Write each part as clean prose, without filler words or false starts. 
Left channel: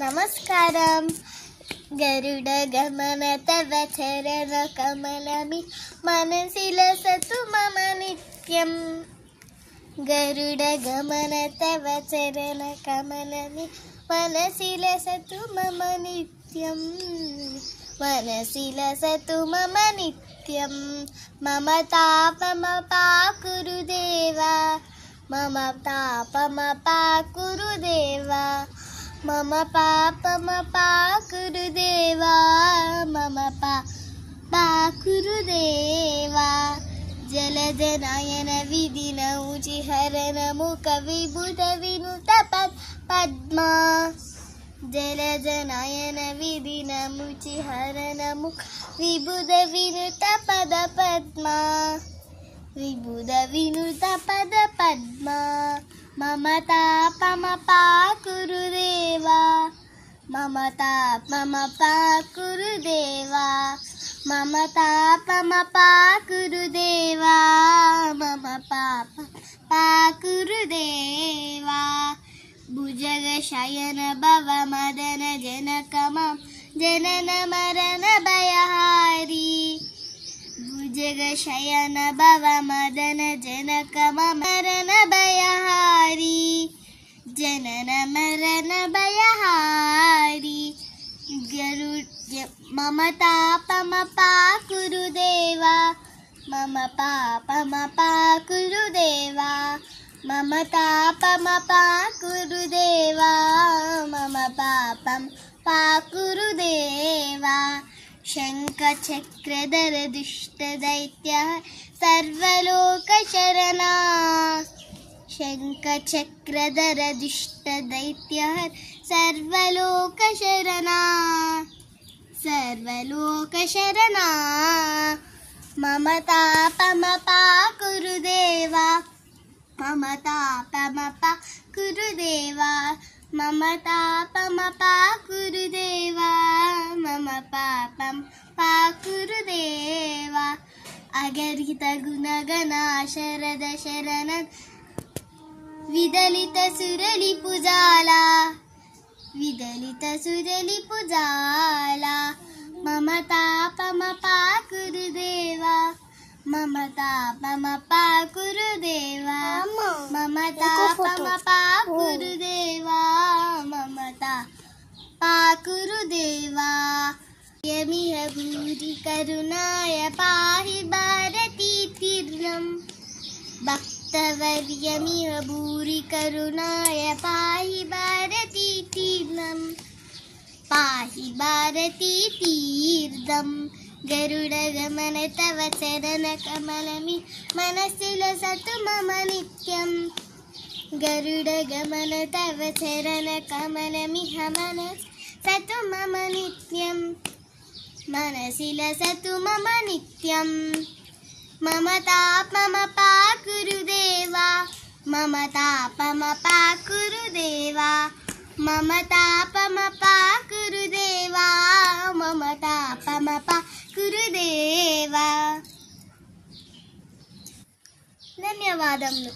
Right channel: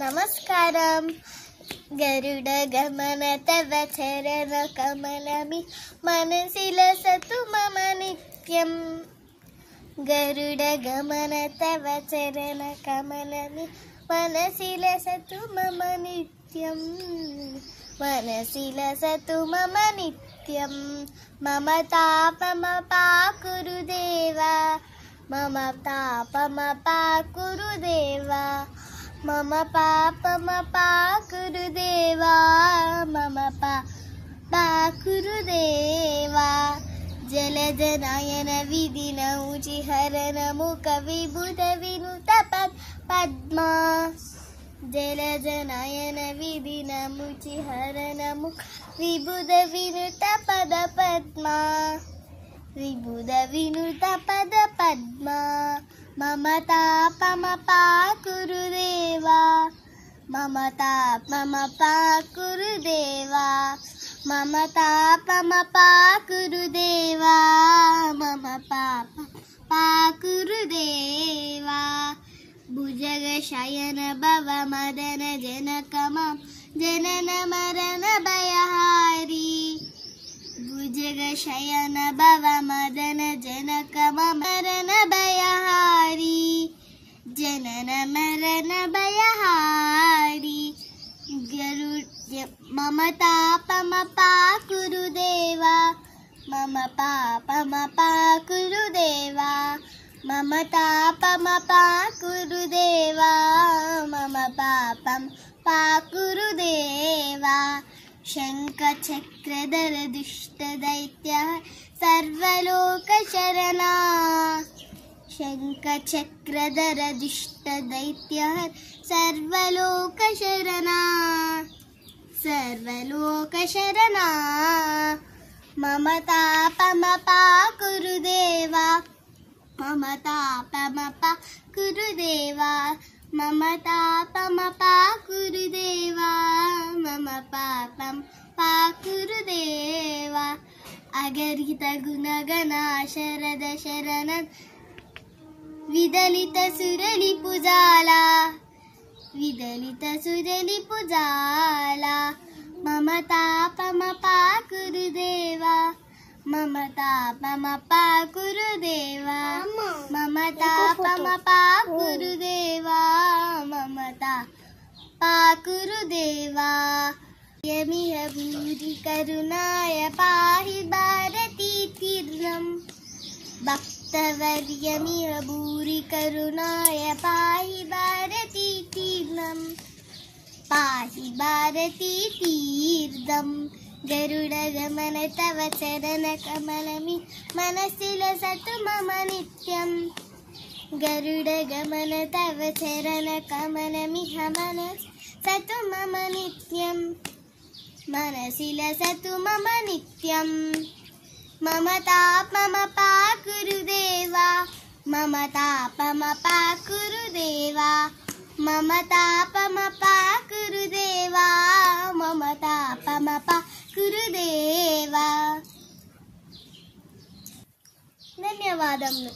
నమస్కారం. గరుడ గమన తవ చరణ కమలమి మనసిలసతు మమ నిత్యం. గరుడ గమన తవ చరణ కమలమి మనసిలసతు మమ నిత్యం. మనసిలసతు మమ నిత్యం. మమ తాపమపాకురు దేవా, మమ తాపమపాకురు దేవా, మమ పాపమపాకురు దేవా, మమ పాకురు దేవా. జలజనయన విధిన ఉచిహరణ ముఖ విభుత వినుత పద్మా. జలజనయన విధిన ముచిహరణ ముఖ విభుత వినుత పద పద్మా. విభుత వినుత పద పద్మా. మమ తాపమపాకురు దేవా, మమ తాపమపాకురు దేవా, మమ తాపమపాకురు దేవా, మమ పాకురు దేవా. భుజగ శయన భవ మదన జనకమ జనన మరణ భయహారి. భుజగ శయన భవ మదన జనకమ మరణ భయహారి. జనన మరణ భయహారి. మమ తాపమపాకురు దేవా, మమ పాపమపాకురు దేవా, మమ తాపమపాకురు దేవా, మమ పాపం పాకురు దేవా. శంఖ చక్రధర దుష్ట దైత్య సర్వలోక శరణా. శంఖ చక్రధర దుష్ట దైత్య సర్వలోక శరణా. సర్వలోక శరణా. మమ తాపమపాకురు దేవా, మమ తాపమపాకురు దేవా, మమ తాపమపాకురు దేవా, మమ పాపం పాకురు దేవా. అగరిత గుణగణ శరద శరణ విదలిత సురలి పుజాలా. విదలిత సురలి పుజాలా. మమ తాపమపాకురు దేవా, మమ తాపమపాకురు దేవా, మమ తాపమపాకురు దేవా, మమ పాకురు దేవా. యమిహ భూరి కరుణాయ పాహి భారతీ తీర్థం. భక్తవర్యమిహ భూరి కరుణాయ పాహి భారతీ తీర్థం. పాహి భారతీ తీర్థం. గరుడ గమన తవ చరణ కమలమి మనసిలసతు మమ నిత్యం. గరుడ గమన తవ చరణ కమలమి మనసిలసతు మమ నిత్యం. మనసిలసతు మమ నిత్యం. మమ తాపమపాకురు దేవా, మమ తాపమపాకురు దేవా, మమ తాపమపాకురు దేవా, మమ తాపమపాకురు దేవా. ధన్యవాదములు.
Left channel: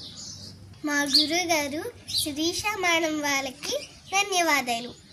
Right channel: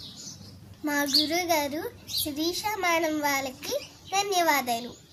మా గురుగారు శిరీష మేడం వాళ్ళకి ధన్యవాదాలు.